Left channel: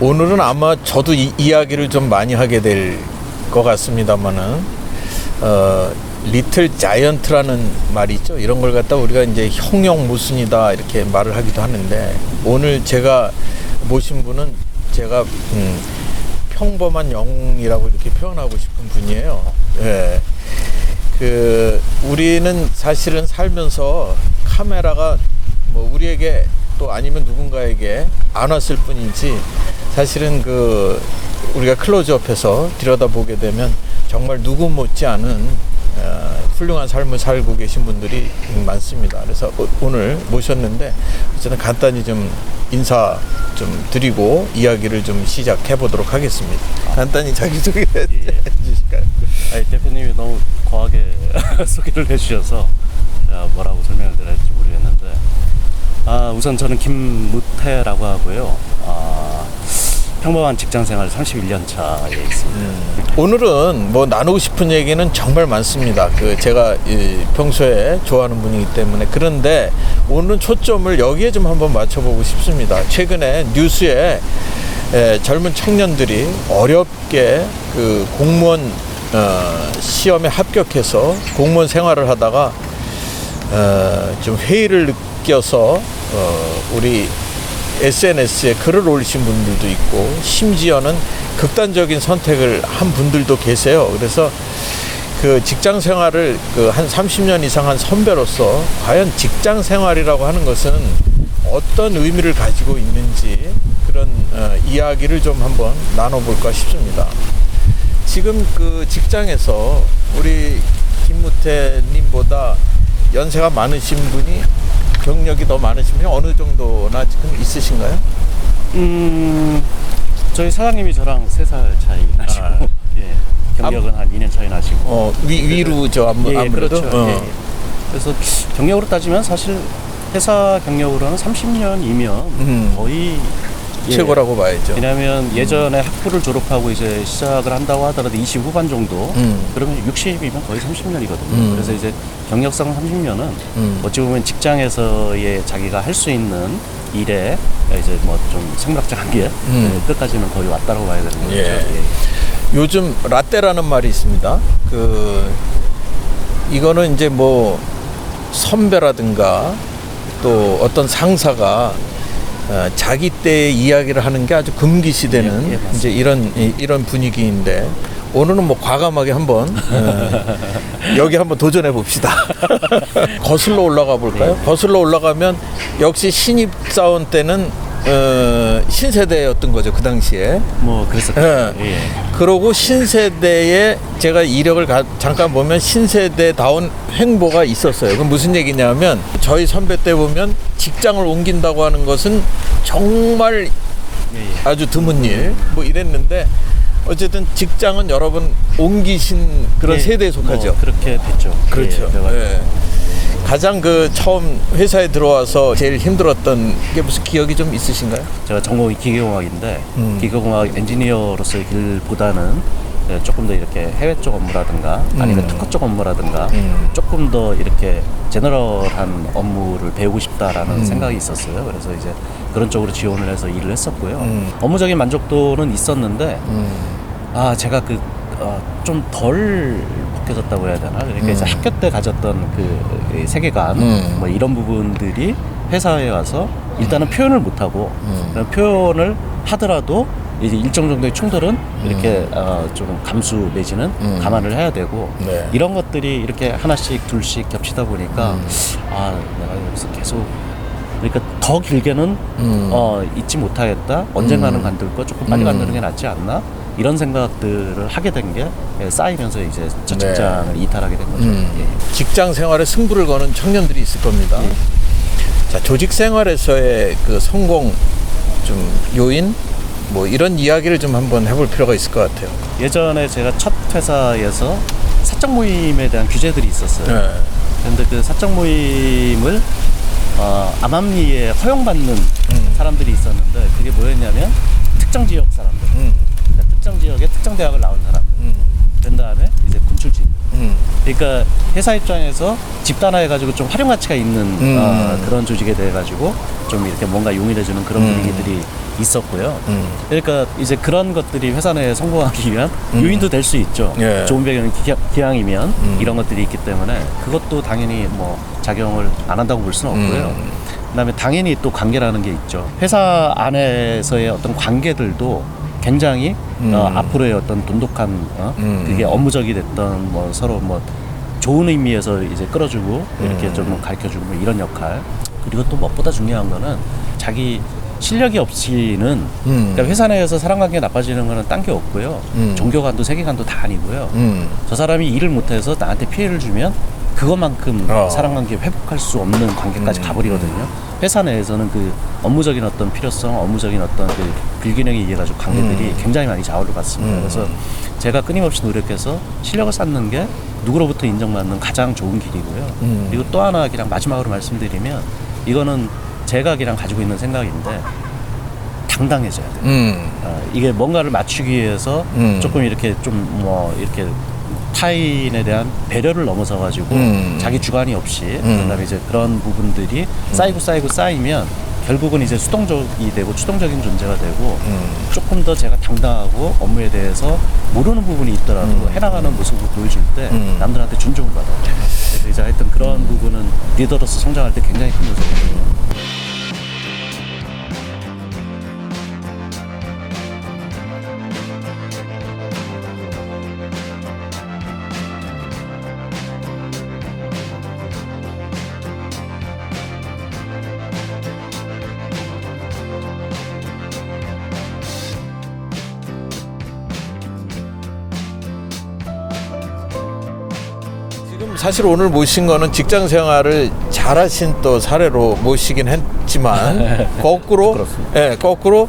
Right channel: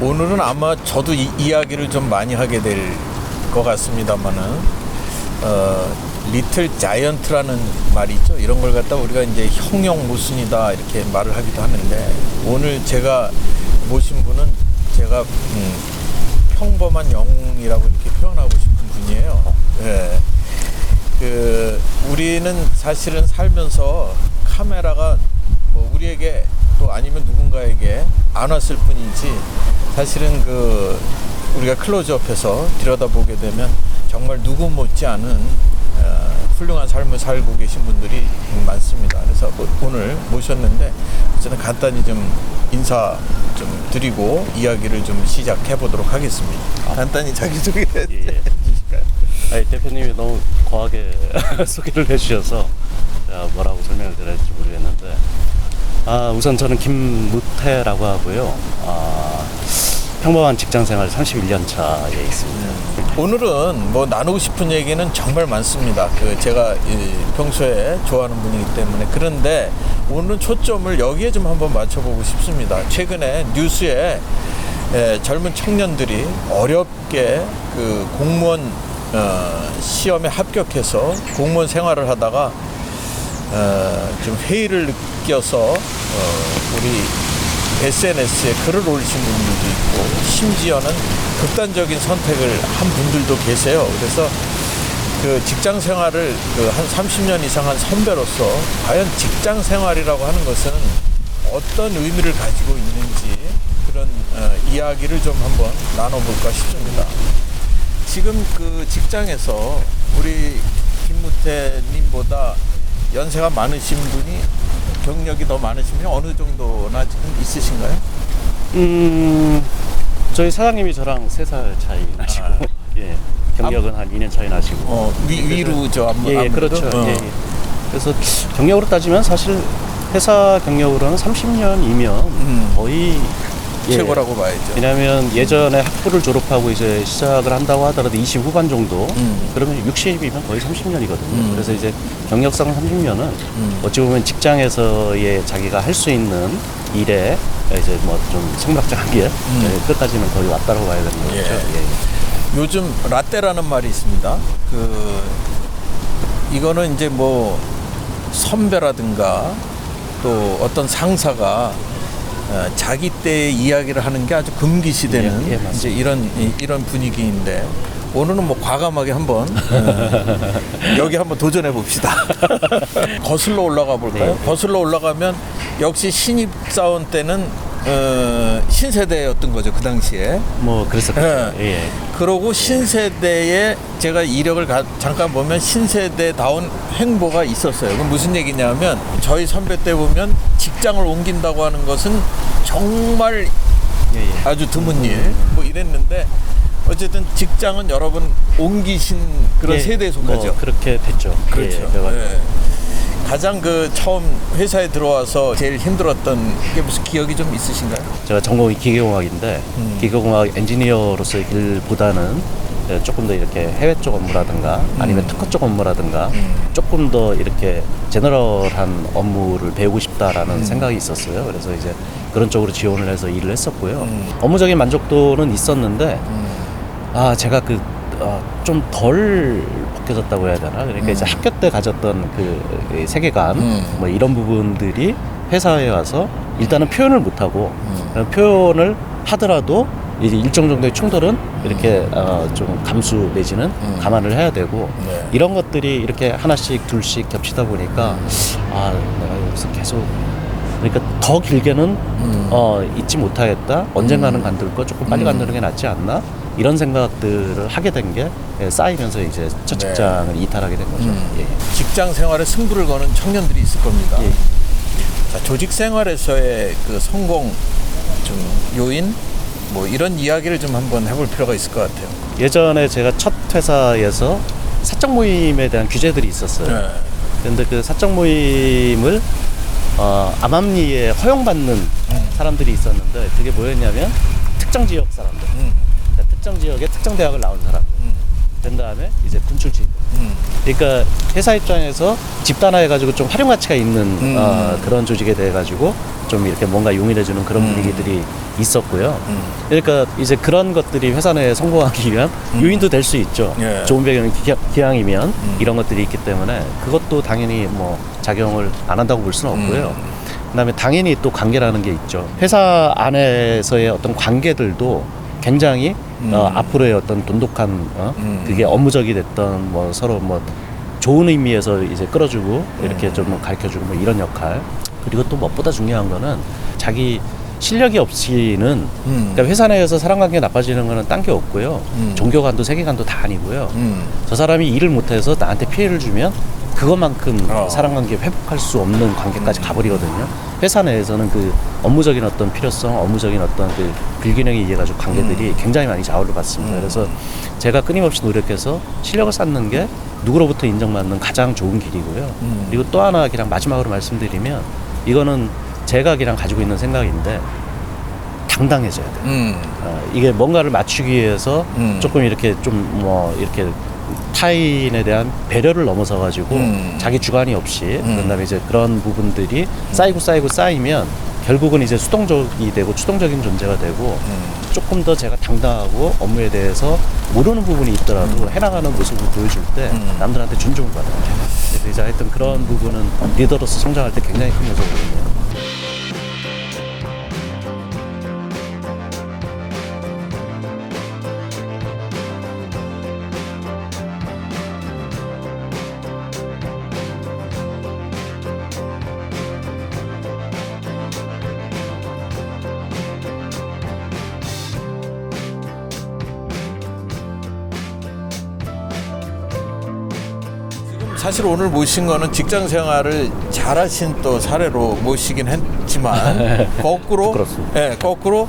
오늘은 아마 저도 이야기를 좀 많이 하게 될 것 같습니다만은 리틀 자이언트라는 말이 있죠. 이런 걸 갖다 우리가 이제 형용모순이다 이렇게 말을 하기도 하는데, 오늘 제가 모신 분은 제가 평범한 영웅이라고 이렇게 표현하고 싶은 분이에요. 예. 우리는 사실은 살면서 카메라가 뭐 우리에게 또 아니면 누군가에게 안 왔을 뿐이지, 사실은 우리가 클로즈업해서 들여다보게 되면 정말 누구 못지않은 훌륭한 삶을 살고 계신 분들이 많습니다. 그래서 오늘 모셨는데 어쨌든 간단히 좀 인사 좀 드리고 이야기를 좀 시작해 보도록 하겠습니다. 간단히 자기소개 해주실까요? 아니, 대표님이 너무 거하게 소개를 해주셔서 제가 뭐라고 설명을 드려야 할지 모르겠는데, 우선 저는 김무태라고 하고요. 평범한 직장생활 31년 차에 있습니다. 오늘은 뭐 나누고 싶은 얘기는 정말 많습니다. 제가 평소에 좋아하는 분이기 때문에. 그런데 오늘은 초점을 여기에 좀 한번 맞춰보고 싶습니다. 최근에 뉴스에 젊은 청년들이 어렵게 공무원 시험에 합격해서 공무원 생활을 하다가 좀 회의를 느껴서 우리 SNS에 글을 올리신 분들도 있고, 심지어는 극단적인 선택을 한 분들도 계세요. 그래서 직장 생활을 한 30년 이상 한 선배로서 과연 직장 생활이라고 하는 것은 어떤 의미를 가지고 있는지, 그런 이야기를 좀 한번 나눠볼까 싶습니다. 지금 직장에서 우리 김무태님보다 연세가 많으신 분이, 경력이 더 많으신 분이 어느 정도나 지금 있으신가요? 저희 사장님이 저랑 3살 차이 나시고, 예, 경력은 한 2년 차이 나시고. 위루죠, 아무래도. 예, 그렇죠. 예. 그래서 경력으로 따지면 사실 회사 경력으로는 30년이면 거의 최고라고 봐야죠. 왜냐하면 예전에 학부를 졸업하고 이제 시작을 한다고 하더라도 20 후반 정도, 그러면 60이면 거의 30년이거든요. 그래서 이제 경력상 30년은 어찌 보면 직장에서의 자기가 할 수 있는 일에 이제 뭐 좀 생물학적 한계 끝까지는 거의 왔다고 봐야 되는 거죠. 예. 예. 요즘 라떼라는 말이 있습니다. 이거는 이제 뭐 선배라든가 또 어떤 상사가 자기 때의 이야기를 하는 게 아주 금기시되는 예, 이제 이런 분위기인데, 오늘은 뭐 과감하게 한번 여기 한번 도전해 봅시다. 거슬러 올라가 볼까요? 네. 거슬러 올라가면 역시 신입사원 때는 신세대였던 거죠, 그 당시에. 뭐 그랬었죠. 예. 그러고 신세대에 제가 이력을 잠깐 보면 신세대다운 행보가 있었어요. 그럼 무슨 얘기냐면, 저희 선배 때 보면 직장을 옮긴다고 하는 것은 정말 아주 드문 일, 뭐 이랬는데, 어쨌든 직장은 여러 번 옮기신 그런 세대에 속하죠. 뭐 그렇게 됐죠. 그렇죠. 예, 가장 처음 회사에 들어와서 제일 힘들었던 게 무슨 기억이 좀 있으신가요? 제가 전공이 기계공학인데 기계공학 엔지니어로서의 길보다는 조금 더 이렇게 해외 쪽 업무라든가 아니면 특허 쪽 업무라든가 조금 더 이렇게 제너럴한 업무를 배우고 싶다라는 생각이 있었어요. 그래서 이제 그런 쪽으로 지원을 해서 일을 했었고요. 업무적인 만족도는 있었는데 제가 좀 덜 벗겨졌다고 해야 되나? 그러니까 이제 학교 때 가졌던 그 세계관, 뭐 이런 부분들이 회사에 와서 일단은 표현을 못하고, 표현을 하더라도 이제 일정 정도의 충돌은 이렇게 좀 감수 내지는 감안을 해야 되고, 네. 이런 것들이 이렇게 하나씩 둘씩 겹치다 보니까 내가 여기서 계속, 그러니까 더 길게는 잊지 못하겠다. 언젠가는 간들 거 조금 빨리 간다는 게 낫지 않나? 이런 생각들을 하게 된 게 쌓이면서 이제 첫 직장을 이탈하게 된 거죠. 예. 직장 생활에 승부를 거는 청년들이 있을 겁니다. 예. 자, 조직 생활에서의 성공 좀 요인, 뭐 이런 이야기를 좀 한번 해볼 필요가 있을 것 같아요. 예전에 제가 첫 회사에서 사적 모임에 대한 규제들이 있었어요. 그런데 그 사적 모임을 암암리에 허용받는 사람들이 있었는데, 그게 뭐였냐면 특정 지역 사람들, 그러니까 특정 지역에 특정 대학을 나온 사람들, 된 다음에 이제 군 출신, 그러니까 회사 입장에서 집단화해가지고 좀 활용 가치가 있는 그런 조직에 대해 가지고 좀 이렇게 뭔가 용인해주는 그런 분위기들이 있었고요. 그러니까 이제 그런 것들이 회사 내에 성공하기 위한 요인도 될 수 있죠. 예. 좋은 배경 기왕이면 이런 것들이 있기 때문에 그것도 당연히 뭐 작용을 안 한다고 볼 수는 없고요. 그다음에 당연히 또 관계라는 게 있죠. 회사 안에서의 어떤 관계들도 굉장히 앞으로의 어떤 돈독한 그게 업무적이 됐던 뭐 서로 뭐 좋은 의미에서 이제 끌어주고 이렇게 좀 가르쳐주고 뭐 이런 역할. 그리고 또 무엇보다 중요한 거는 자기 실력이 없이는 그러니까 회사 내에서 사람관계 나빠지는 거는 딴 게 없고요. 종교관도 세계관도 다 아니고요. 저 사람이 일을 못해서 나한테 피해를 주면 그것만큼 사람관계 회복할 수 없는 관계까지 가버리거든요. 회사 내에서는 그 업무적인 어떤 필요성, 업무적인 어떤 그 불균형에 의해 가지고 관계들이 굉장히 많이 좌우를 받습니다. 그래서 제가 끊임없이 노력해서 실력을 쌓는 게 누구로부터 인정받는 가장 좋은 길이고요. 그리고 또 하나 그냥 마지막으로 말씀드리면 이거는 제가 그냥 가지고 있는 생각인데 당당해져야 돼요. 이게 뭔가를 맞추기 위해서 조금 이렇게 좀 뭐 이렇게 타인에 대한 배려를 넘어서 가지고 자기 주관이 없이 그다음에 이제 그런 부분들이 쌓이면 결국은 이제 수동적이 되고 추동적인 존재가 되고 조금 더 제가 당당하고 업무에 대해서 모르는 부분이 있더라도 해나가는 모습을 보여줄 때 남들한테 존중을 받아요. 그래서 이제 하여튼 그런 부분은 리더로서 성장할 때 굉장히 큰 요소거든요. 지금 사실 오늘 모신 거는 직장 생활을 잘하신 또 사례로 모시긴 했지만 거꾸로 그렇습니다. 예, 거꾸로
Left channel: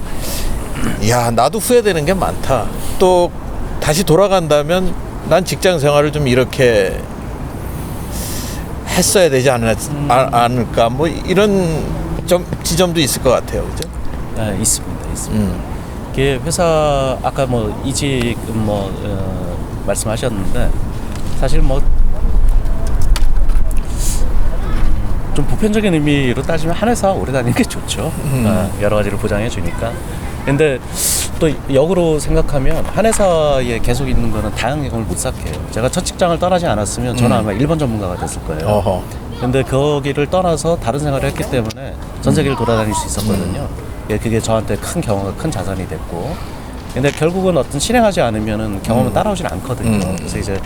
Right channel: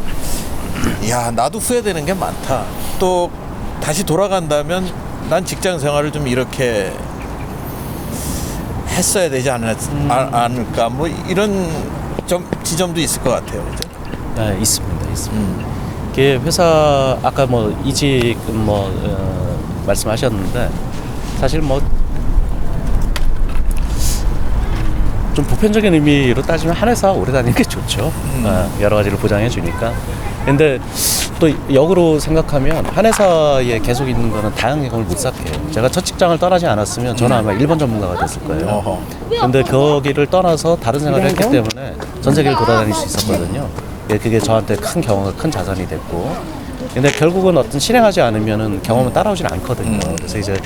야 나도 후회되는 게 많다. 또 다시 돌아간다면 난 직장 생활을 좀 이렇게 했어야 되지 않을까 뭐 이런 지점도 있을 것 같아요. 그죠? 네, 있습니다. 이게 회사 아까 뭐 이직 뭐 말씀하셨는데 사실 뭐 좀 보편적인 의미로 따지면 한 회사 오래 다니는 게 좋죠. 여러 가지를 보장해 주니까. 근데 또 역으로 생각하면 한 회사에 계속 있는 거는 다양한 경험을 못 쌓게요. 제가 첫 직장을 떠나지 않았으면 저는 아마 일본 전문가가 됐을 거예요. 어허. 근데 거기를 떠나서 다른 생활을 했기 때문에 전 세계를 돌아다닐 수 있었거든요. 그게 저한테 큰 경험과 큰 자산이 됐고. 근데 결국은 어떤 실행하지 않으면은 경험은 따라오질 않거든요. 그래서 이제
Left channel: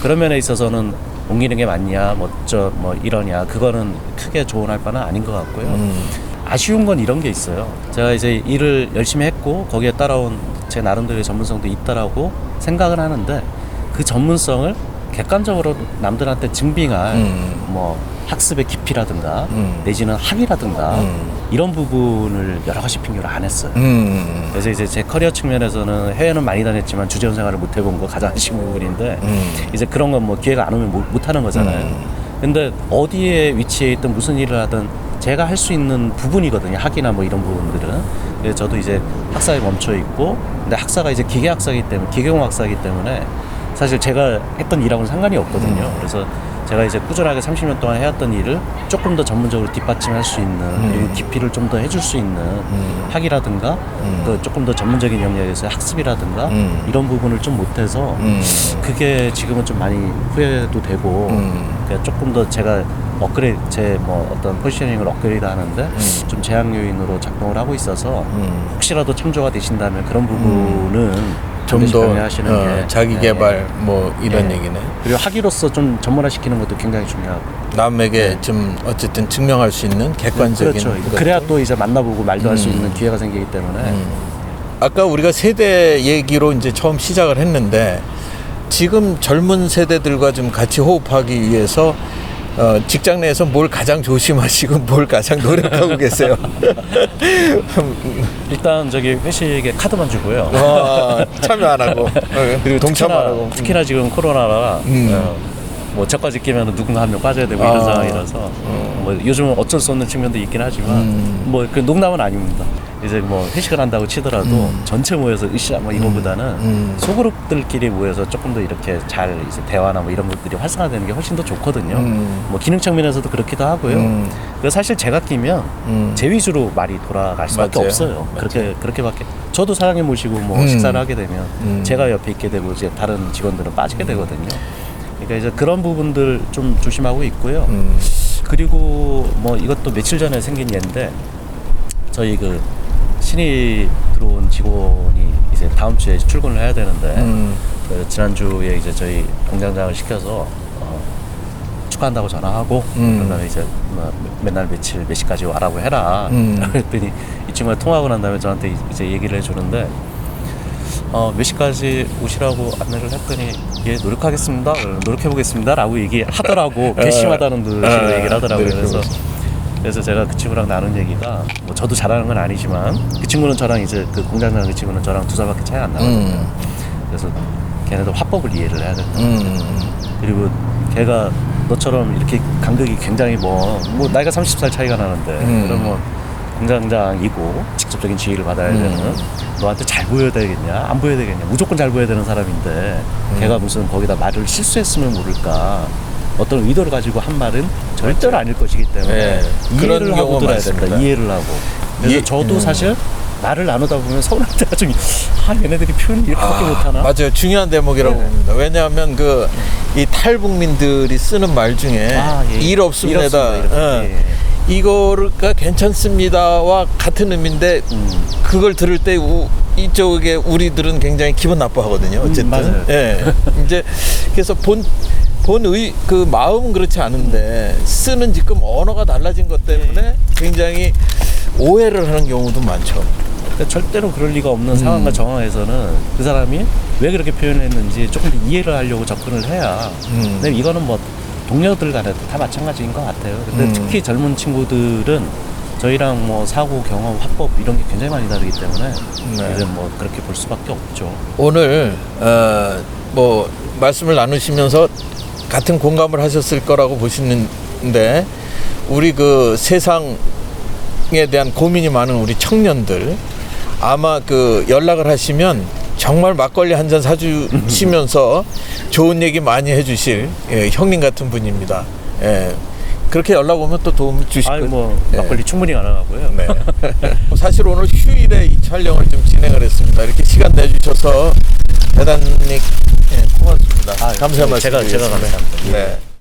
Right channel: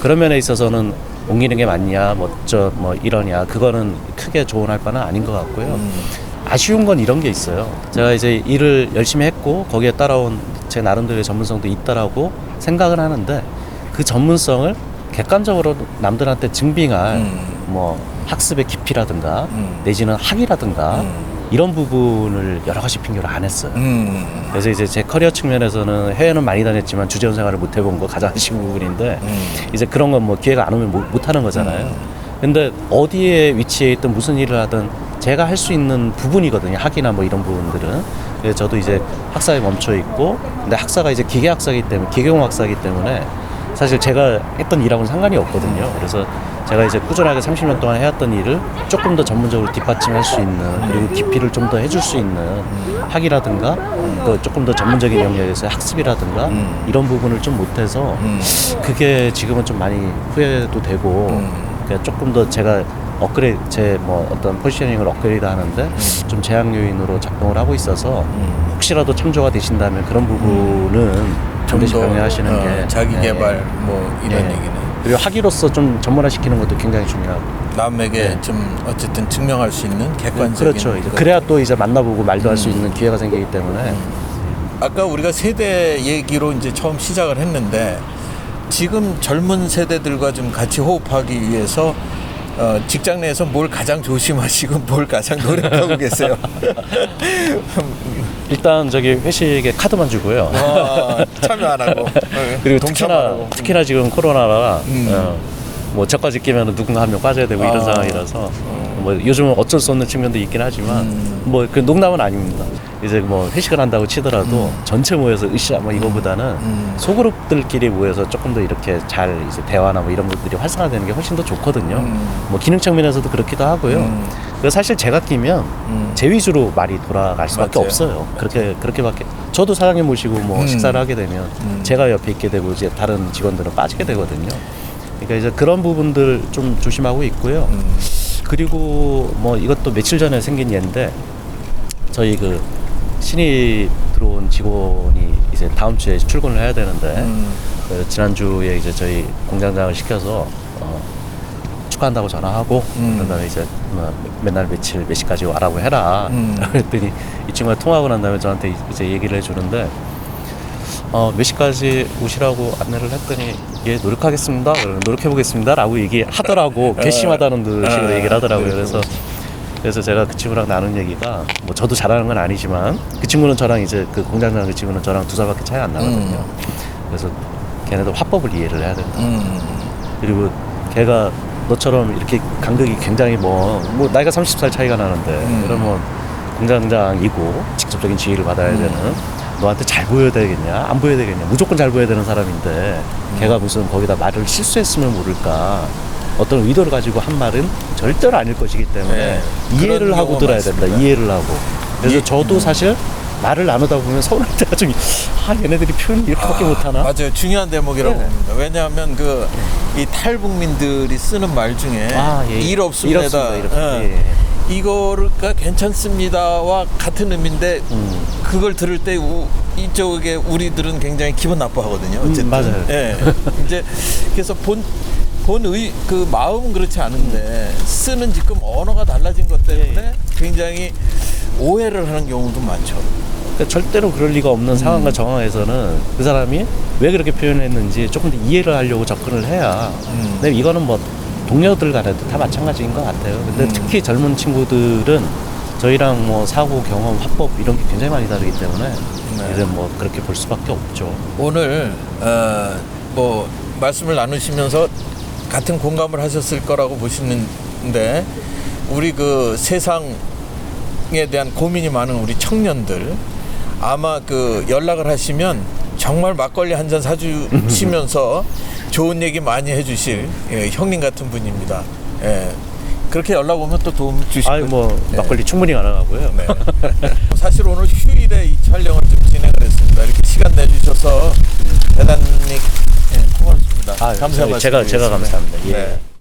그런 면에 있어서는 옮기는 게 맞냐, 뭐 이러냐, 그거는 크게 조언할 바는 아닌 것 같고요. 아쉬운 건 이런 게 있어요. 제가 이제 일을 열심히 했고 거기에 따라온 제 나름대로의 전문성도 있다라고 생각을 하는데 그 전문성을 객관적으로 남들한테 증빙할 뭐 학습의 깊이라든가 내지는 학위라든가 이런 부분을 여러 가지 핑계로 안 했어요. 그래서 이제 제 커리어 측면에서는 해외는 많이 다녔지만 주재원 생활을 못 해본 거 가장 아쉬운 부분인데 이제 그런 건 뭐 기회가 안 오면 못 하는 거잖아요. 근데 어디에 위치해 있든 무슨 일을 하든 제가 할 수 있는 부분이거든요. 학위나 뭐 이런 부분들은. 그래서 저도 이제 학사에 멈춰 있고 근데 학사가 이제 기계학사이기 때문에 기계공학사이기 때문에 사실 제가 했던 일하고는 상관이 없거든요. 그래서 제가 이제 꾸준하게 30년 동안 해왔던 일을 조금 더 전문적으로 뒷받침할 수 있는 그리고 깊이를 좀 더 해줄 수 있는 학위라든가 그 조금 더 전문적인 영역에서 학습이라든가 이런 부분을 좀 못해서 그게 지금은 좀 많이 후회도 되고 그러니까 조금 더 제가 업그레이드 제 뭐 어떤 포지셔닝을 업그레이드 하는데 좀 제약 요인으로 작동을 하고 있어서 혹시라도 참조가 되신다면 그런 부분은 좀 더 하시는 게 자기 개발 뭐 이런 얘기네. 그리고 학위로서 좀 전문화시키는 것도 굉장히 중요하고 남에게 좀 어쨌든 증명할 수 있는 객관적인 그렇죠. 그래야 또 이제 만나보고 말도 할 수 있는 기회가 생기기 때문에 아까 우리가 세대 얘기로 이제 처음 시작을 했는데 지금 젊은 세대들과 좀 같이 호흡하기 위해서 직장 내에서 뭘 가장 조심하시고 뭘 가장 노력하고 계세요? 일단 저기 회식에 카드만 주고요. 참여 안 하고 그리고 동참 안 하고. 특히나 지금 코로나라 뭐 저까지 끼면 누군가 한 명 빠져야 되고 이런 상황이라서 뭐 요즘은 어쩔 수 없는 측면도 있긴 하지만 뭐 그 농담은 아닙니다. 이제 뭐 회식을 한다고 치더라도 전체 모여서 으쌰 뭐 이거보다는 소그룹들끼리 모여서 조금 더 이렇게 잘 이제 대화나 뭐 이런 것들이 활성화되는 게 훨씬 더 좋거든요. 뭐 기능 측면에서도 그렇기도 하고요. 그래서 사실 제가 끼면 제 위주로 말이 돌아갈 수밖에 맞아요. 없어요. 맞아요. 그렇게밖에 저도 사장님 모시고 뭐 식사를 하게 되면 제가 옆에 있게 되고 이제 다른 직원들은 빠지게 되거든요. 그러니까 이제 그런 부분들 좀 조심하고 있고요. 그리고 뭐 이것도 며칠 전에 생긴 예인데 저희 그 신입 들어온 직원이 이제 다음 주에 출근을 해야 되는데 그 지난주에 이제 저희 공장장을 시켜서 축하한다고 전화하고 그다음에 이제 뭐 맨날 며칠 몇 시까지 와라고 해라 그랬더니 이 친구가 통화하고 난 다음에 저한테 이제 얘기를 해주는데 몇 시까지 오시라고 안내를 했더니 예 노력하겠습니다 노력해보겠습니다 라고 얘기하더라고. 괘씸하다는 식으로 얘기를 하더라고요. 그래서 제가 그 친구랑 나눈 얘기가 뭐 저도 잘하는 건 아니지만 그 친구는 저랑 이제 그 공장장 그 친구는 저랑 2살밖에 차이 안 나거든요. 그래서 걔네도 화법을 이해를 해야 된다. 그리고 걔가 너처럼 이렇게 간극이 굉장히 뭐 나이가 30살 차이가 나는데 그러면 공장장이고 직접적인 지휘를 받아야 되는 너한테 잘 보여야 되겠냐 안 보여야 되겠냐 무조건 잘 보여야 되는 사람인데 걔가 무슨 거기다 말을 실수했으면 모를까 어떤 의도를 가지고 한 말은 절대로 아닐 것이기 때문에 네, 이해를 그런 하고 경우가 들어야 된다. 많습니다. 이해를 하고. 그래서 저도 사실 말을 나누다 보면 서운할 때가 좀 얘네들이 표현을 이렇게밖에 못하나? 맞아요. 중요한 대목이라고 네. 봅니다. 왜냐하면 이 탈북민들이 쓰는 말 중에 예. 일 없습니다. 이렇게. 예. 이거가 괜찮습니다와 같은 의미인데 그걸 들을 때 이쪽에 우리들은 굉장히 기분 나빠하거든요. 어쨌든. 맞아요. 예. 이제 그래서 그 마음은 그렇지 않은데 쓰는 지금 언어가 달라진 것 때문에 굉장히 오해를 하는 경우도 많죠. 그러니까 절대로 그럴 리가 없는 상황과 정황에서는 그 사람이 왜 그렇게 표현했는지 조금 더 이해를 하려고 접근을 해야. 근데 이거는 뭐 동료들 간에도 다 마찬가지인 것 같아요. 근데 특히 젊은 친구들은 저희랑 뭐 사고, 경험, 화법 이런 게 굉장히 많이 다르기 때문에 이제 뭐 그렇게 볼 수밖에 없죠. 오늘 뭐 말씀을 나누시면서 같은 공감을 하셨을 거라고 보시는데 우리 그 세상에 대한 고민이 많은 우리 청년들 아마 그 연락을 하시면 정말 막걸리 한 잔 사주시면서 좋은 얘기 많이 해주실 형님 같은 분입니다. 그렇게 연락 오면 또 도움 주실 거예요. 뭐 막걸리 충분히 가능하고요. 네. 사실 오늘 휴일에 이 촬영을 좀 진행을 했습니다. 이렇게 시간 내주셔서 대단히 고맙습니다. 감사 말씀드리겠습니다. 제가 감사합니다. 예. 네.